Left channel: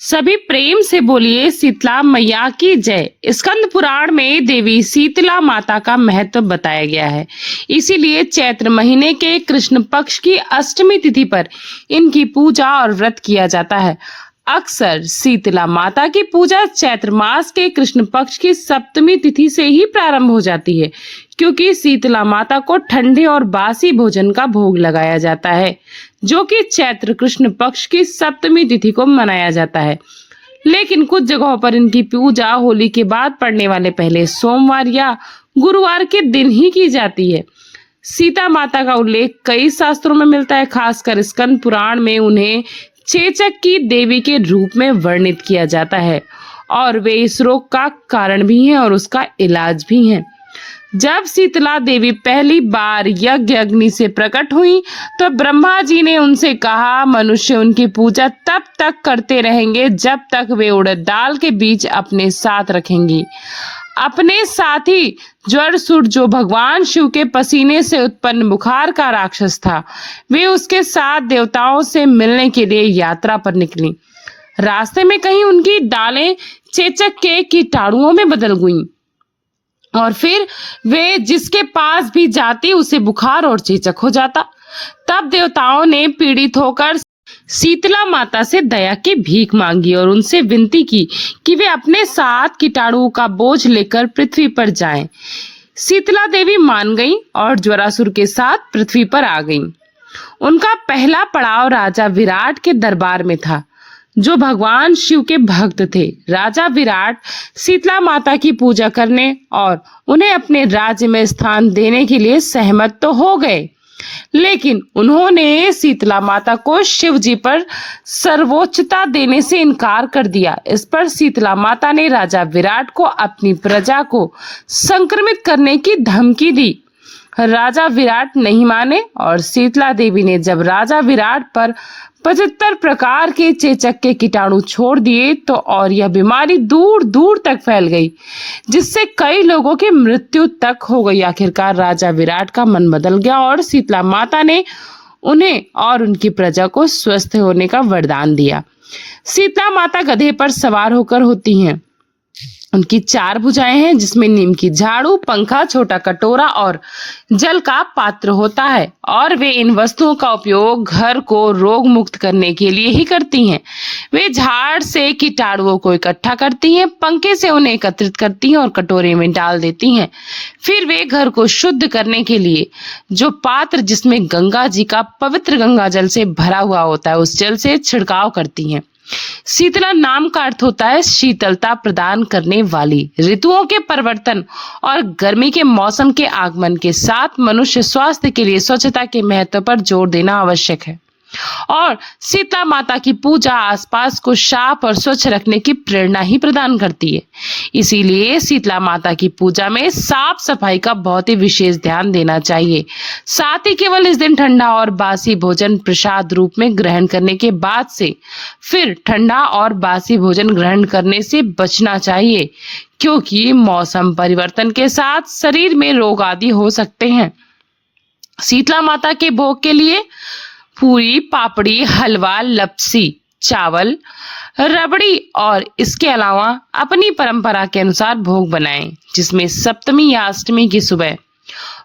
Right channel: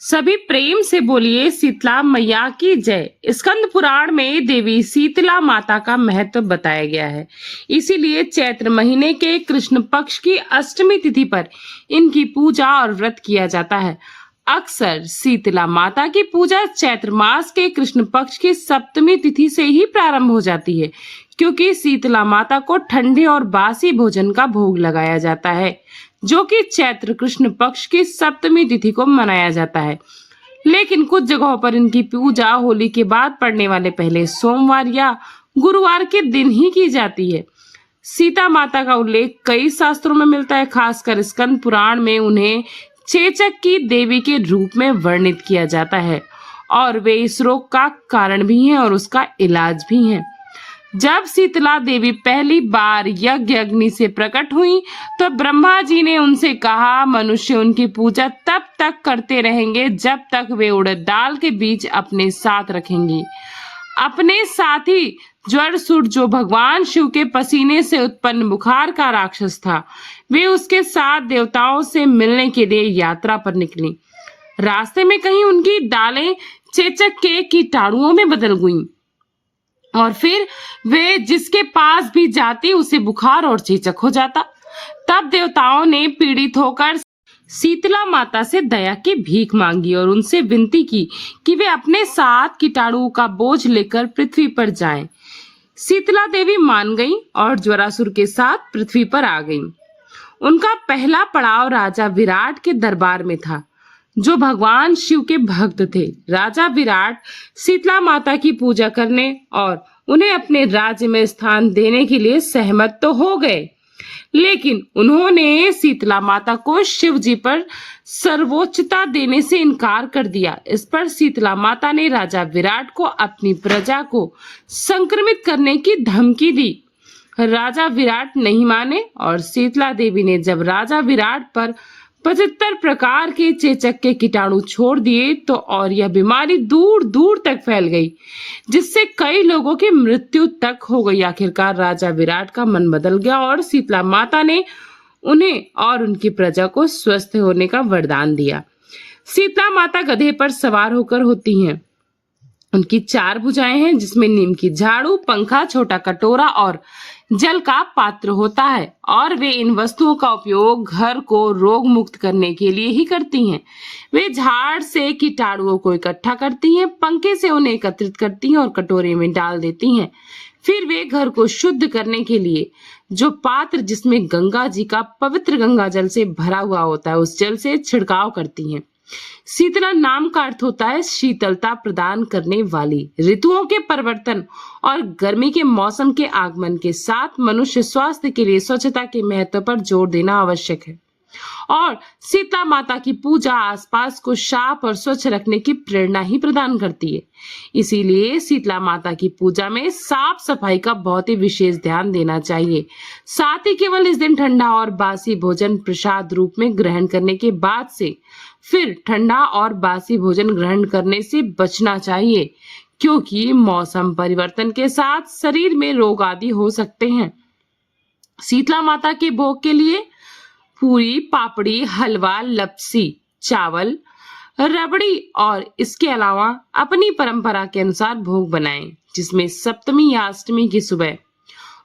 सभी प्रेम से बोलिए शीतला मैया की जय। स्कंद पुराण में देवी शीतला माता का महत्व बताया गया है। इसीलिए चैत्र महीने के कृष्ण पक्ष की अष्टमी तिथि पर इनकी पूजा और व्रत किया जाता है। अक्सर शीतला माता की पूजा चैत्र मास के कृष्ण पक्ष की सप्तमी तिथि से ही प्रारंभ हो जाती है, क्योंकि शीतला माता को ठंडे और बासी भोजन का भोग लगाया जाता है, जो कि चैत्र कृष्ण पक्ष की सप्तमी तिथि को मनाया जाता है। लेकिन कुछ जगहों पर इनकी पूजा होली के बाद पड़ने वाले पहले सोमवार या गुरुवार के दिन ही की जाती है। सीता माता का उल्लेख कई शास्त्रों में मिलता है, खासकर स्कंद पुराण में उन्हें चेचक की देवी के रूप में वर्णित किया जाता है और वे इस रोग का कारण भी हैं और उसका इलाज भी हैं। जब शीतला देवी पहली बार यज्ञ अग्नि से प्रकट हुई तो ब्रह्मा जी ने उनसे कहा, मनुष्य उनकी पूजा तब तक करते रहेंगे जब तक वे उड़द दाल के बीज अपने साथ रखेंगी। अपने साथ ही जड़सूट, जो भगवान शिव के पसीने से उत्पन्न बुखार का राक्षस था, वे उसके साथ देवताओं से मिलने के लिए यात्रा पर निकली। रास्ते में कहीं उनकी डालें चेचक के कीटाणुओं में बदल गईं और फिर वे जिसके पास भी जाती उसे बुखार और चेचक हो जाता। तब देवताओं ने पीड़ित होकर शीतला माता से दया की भीख मांगी और उनसे विनती की कि वे अपने साथ कीटाणुओं का बोझ लेकर पृथ्वी पर जाएं। शीतला देवी मान गईं और ज्वरासुर के साथ पृथ्वी पर आ गईं। उनका पहला पड़ाव राजा विराट के दरबार में था, जो भगवान शिव के भक्त थे। राजा विराट शीतला माता की पूजा करने और उन्हें अपने राज्य में स्थान देने के लिए सहमत तो हो गए, लेकिन उन्होंने शीतला माता को शिव जी पर सर्वोच्चता देने से इनकार कर दिया। इस पर शीतला माता ने राजा विराट को अपनी प्रजा को संक्रमित करने की धमकी दी। राजा विराट नहीं माने और शीतला देवी ने जब राजा विराट पर 75 प्रकार के चेचक के कीटाणु छोड़ दिए तो और यह बीमारी दूर दूर तक फैल गई, जिससे कई लोगों की मृत्यु तक हो गई। आखिरकार राजा विराट का मन बदल गया और शीतला माता ने उन्हें और उनकी प्रजा को स्वस्थ होने का वरदान दिया। शीतला माता गधे पर सवार होकर होती हैं। उनकी 4 भुजाएं हैं, जिसमें नीम की झाड़ू, पंखा, छोटा कटोरा और जल का पात्र होता है, और वे इन वस्तुओं का उपयोग घर को रोग मुक्त करने के लिए ही करती हैं। वे झाड़ से कीटाणुओं को इकट्ठा करती हैं, पंखे से उन्हें एकत्रित करती हैं और कटोरे में डाल देती हैं। फिर वे घर को शुद्ध करने के लिए जो पात्र जिसमें गंगा जी का पवित्र गंगा जल से भरा हुआ होता है, उस जल से छिड़काव करती हैं। शीतला नाम का अर्थ होता है शीतलता प्रदान करने वाली। ऋतुओं के परिवर्तन और गर्मी के मौसम के आगमन के साथ मनुष्य स्वास्थ्य के लिए स्वच्छता के महत्व पर जोर देना आवश्यक है, और शीतला माता की पूजा आसपास को साफ और स्वच्छ रखने की प्रेरणा ही प्रदान करती है। इसीलिए शीतला माता की पूजा में साफ सफाई का बहुत ही विशेष ध्यान देना चाहिए। साथ ही केवल इस दिन ठंडा और बासी भोजन प्रसाद रूप में ग्रहण करने के बाद से फिर ठंडा और बासी भोजन ग्रहण करने से बचना चाहिए, क्योंकि मौसम परिवर्तन के साथ शरीर में रोग आदि हो सकते हैं। शीतला माता के भोग के लिए पूरी, पापड़ी, हलवा, लपसी, चावल, रबड़ी और इसके अलावा अपनी परंपरा के अनुसार भोग बनाएं, जिसमें सप्तमी या अष्टमी की सुबह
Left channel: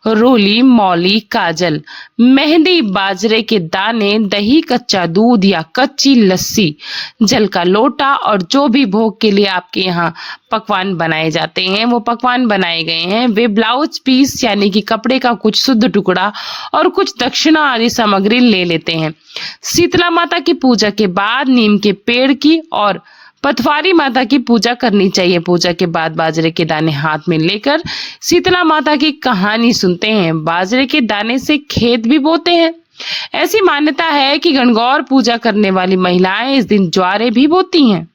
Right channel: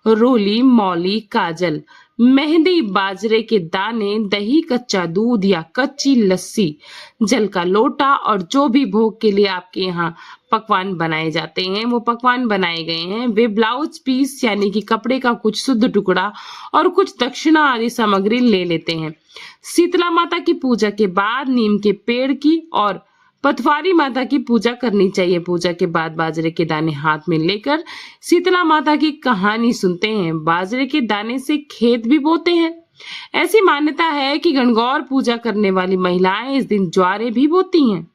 रोली, मौली, काजल, मेहंदी, बाजरे के दाने, दही, कच्चा दूध या कच्ची लस्सी, जल का लोटा और जो भी भोग के लिए आपके यहाँ पकवान बनाए जाते हैं वो पकवान बनाए गए हैं। वे ब्लाउज पीस यानी कि कपड़े का कुछ शुद्ध टुकड़ा और कुछ दक्षिणा आदि सामग्री ले लेते हैं। शीतला माता की पूजा के बाद नीम के पेड़ की और पथवारी माता की पूजा करनी चाहिए। पूजा के बाद बाजरे के दाने हाथ में लेकर शीतला माता की कहानी सुनते हैं। बाजरे के दाने से खेत भी बोते हैं। ऐसी मान्यता है कि गणगौर पूजा करने वाली महिलाएं इस दिन ज्वारे भी बोती हैं।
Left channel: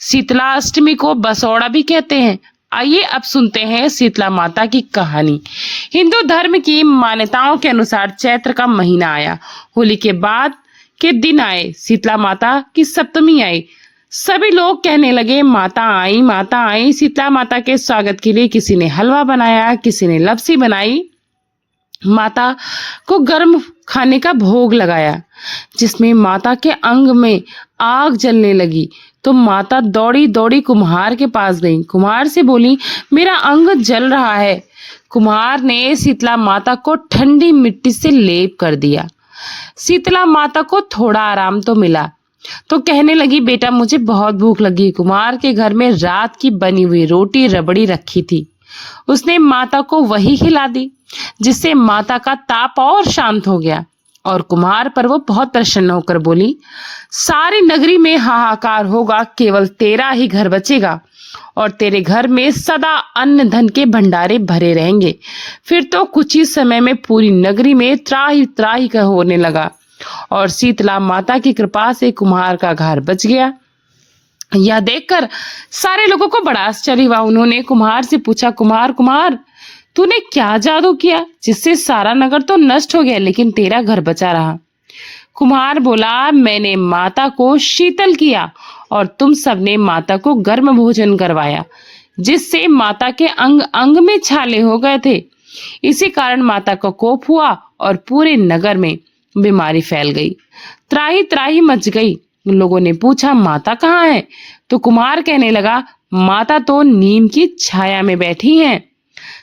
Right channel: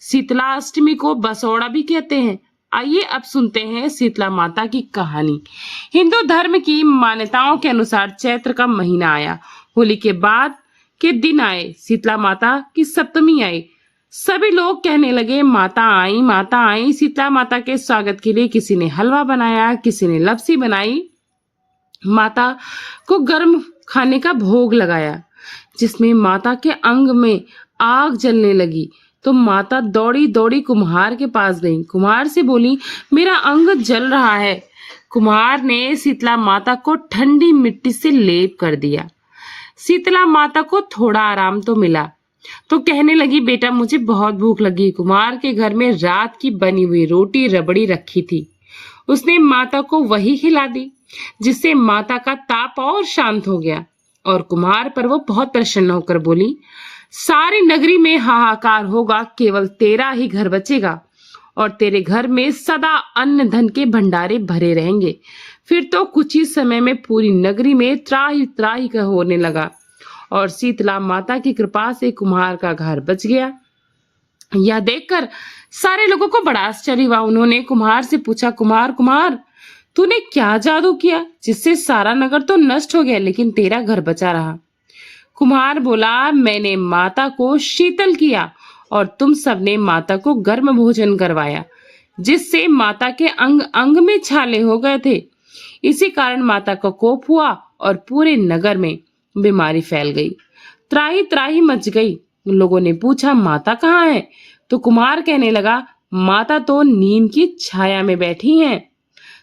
शीतला अष्टमी को बसौड़ा भी कहते हैं। आइए अब सुनते हैं शीतला माता की कहानी। हिंदू धर्म की मान्यताओं के अनुसार चैत्र का महीना आया, होली के बाद के दिन आए, शीतला माता की सप्तमी आई। सभी लोग कहने लगे, माता आई, माता आई। शीतला माता के स्वागत के लिए किसी ने हलवा बनाया, किसी ने लपसी बनाई, माता को गर्म खाने का भोग लगाया, जिसमें माता के अंग में आग जलने लगी। तो माता दौड़ी दौड़ी कुम्हार के पास गई। कुम्हार से बोली, मेरा अंग जल रहा है। कुम्हार ने शीतला माता को ठंडी मिट्टी से लेप कर दिया। शीतला माता को थोड़ा आराम तो मिला, तो कहने लगी, बेटा मुझे बहुत भूख लगी। कुम्हार के घर में रात की बनी हुई रोटी रबड़ी रखी थी। उसने माता को वही खिला दी, जिससे माता का ताप और शांत हो गया। और कुम्हार पर वो बहुत प्रसन्न होकर बोली, सारी नगरी में हाहाकार होगा, केवल तेरा ही घर बचेगा और तेरे घर में सदा अन्न धन के भंडारे भरे रहेंगे। फिर तो कुछ ही समय में पूरी नगरी में त्राही त्राही का होने लगा और शीतला माता की कृपा से कुम्हार का घर बच गया। यह देखकर सारे लोगों को बड़ा आश्चर्य हुआ। उन्होंने कुम्हार से पूछा, कुम्हार कुम्हार, तूने क्या जादू किया जिससे सारा नगर तो नष्ट हो गया लेकिन तेरा घर बचा रहा? कुम्हार बोला, मैंने माता को शीतल किया और तुम सबने माता को गर्म भोजन करवाया, जिससे माता के अंग अंग में छाले हो गए थे। इसी कारण माता को कोप हुआ और पूरे नगर में बीमारी फैल गई, त्राही त्राही मच गई। लोगों ने पूछा, माता कहाँ है? तो कुम्हार कहने लगा, माता तो नीम की छाया में बैठी हैं।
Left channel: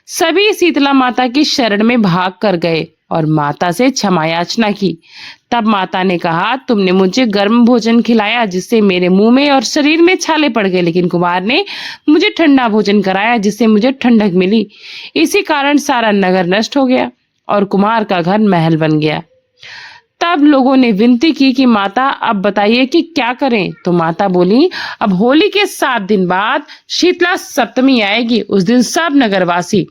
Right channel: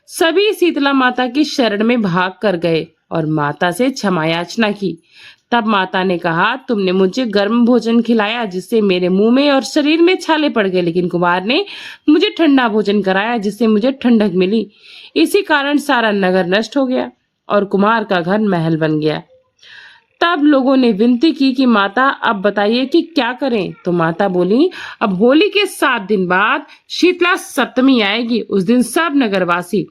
सभी शीतला माता की शरण में भाग कर गए और माता से क्षमा याचना की। तब माता ने कहा, तुमने मुझे गर्म भोजन खिलाया जिससे मेरे मुंह में और शरीर में छाले पड़ गए, लेकिन कुम्हार ने मुझे ठंडा भोजन कराया जिससे मुझे ठंडक मिली। इसी कारण सारा नगर नष्ट हो गया और कुम्हार का घर महल बन गया। तब लोगों ने विनती की कि माता अब बताइए कि क्या करें? तो माता बोली, अब होली के 7 दिन बाद शीतला सप्तमी आएगी। उस दिन सब नगरवासी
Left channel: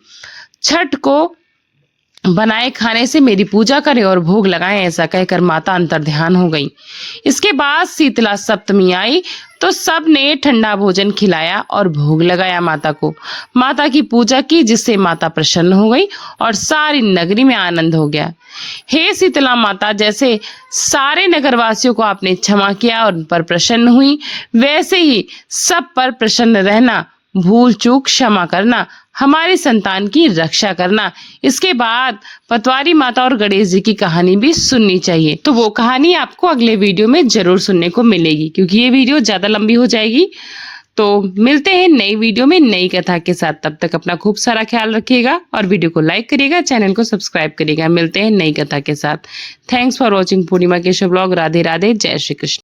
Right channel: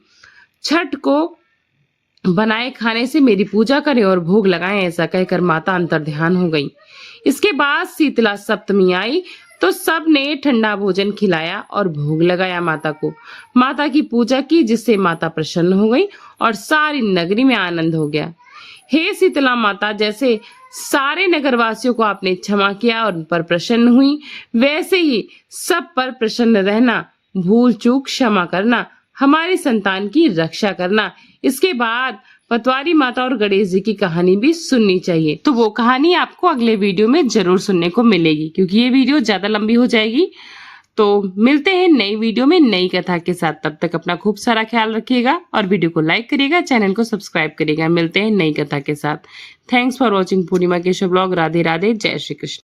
छठ को बनाए खाने से मेरी पूजा करें और भोग लगाएं। ऐसा कहकर माता अंतर्ध्यान हो गई। इसके बाद शीतला सप्तमी आई तो सब ने ठंडा भोजन खिलाया और भोग लगाया माता को। माता की पूजा की जिससे माता प्रसन्न हो गई और सारी नगरी में आनंद हो गया। हे शीतला माता, जैसे सारे नगरवासियों को आपने क्षमा किया और उन पर प्रसन्न हुई, वैसे ही सब पर प्रसन्न रहना, भूल चूक क्षमा करना, हमारी संतान की रक्षा करना। इसके बाद पटवारी माता और गणेश जी की कहानी भी सुननी चाहिए। तो वो कहानी आपको अगले वीडियो में जरूर सुनने को मिलेगी, क्योंकि ये वीडियो ज्यादा लंबी हो जाएगी। तो मिलते हैं नई वीडियो में नई कथा के साथ। तब तक अपना खूब सारा ख्याल रखिएगा और वीडियो को लाइक करिएगा, चैनल को सब्सक्राइब करिएगा। मिलते हैं नई कथा के साथ। Thanks for watching Purnima Keshav blog. Radhe Radhe, जय श्री कृष्ण।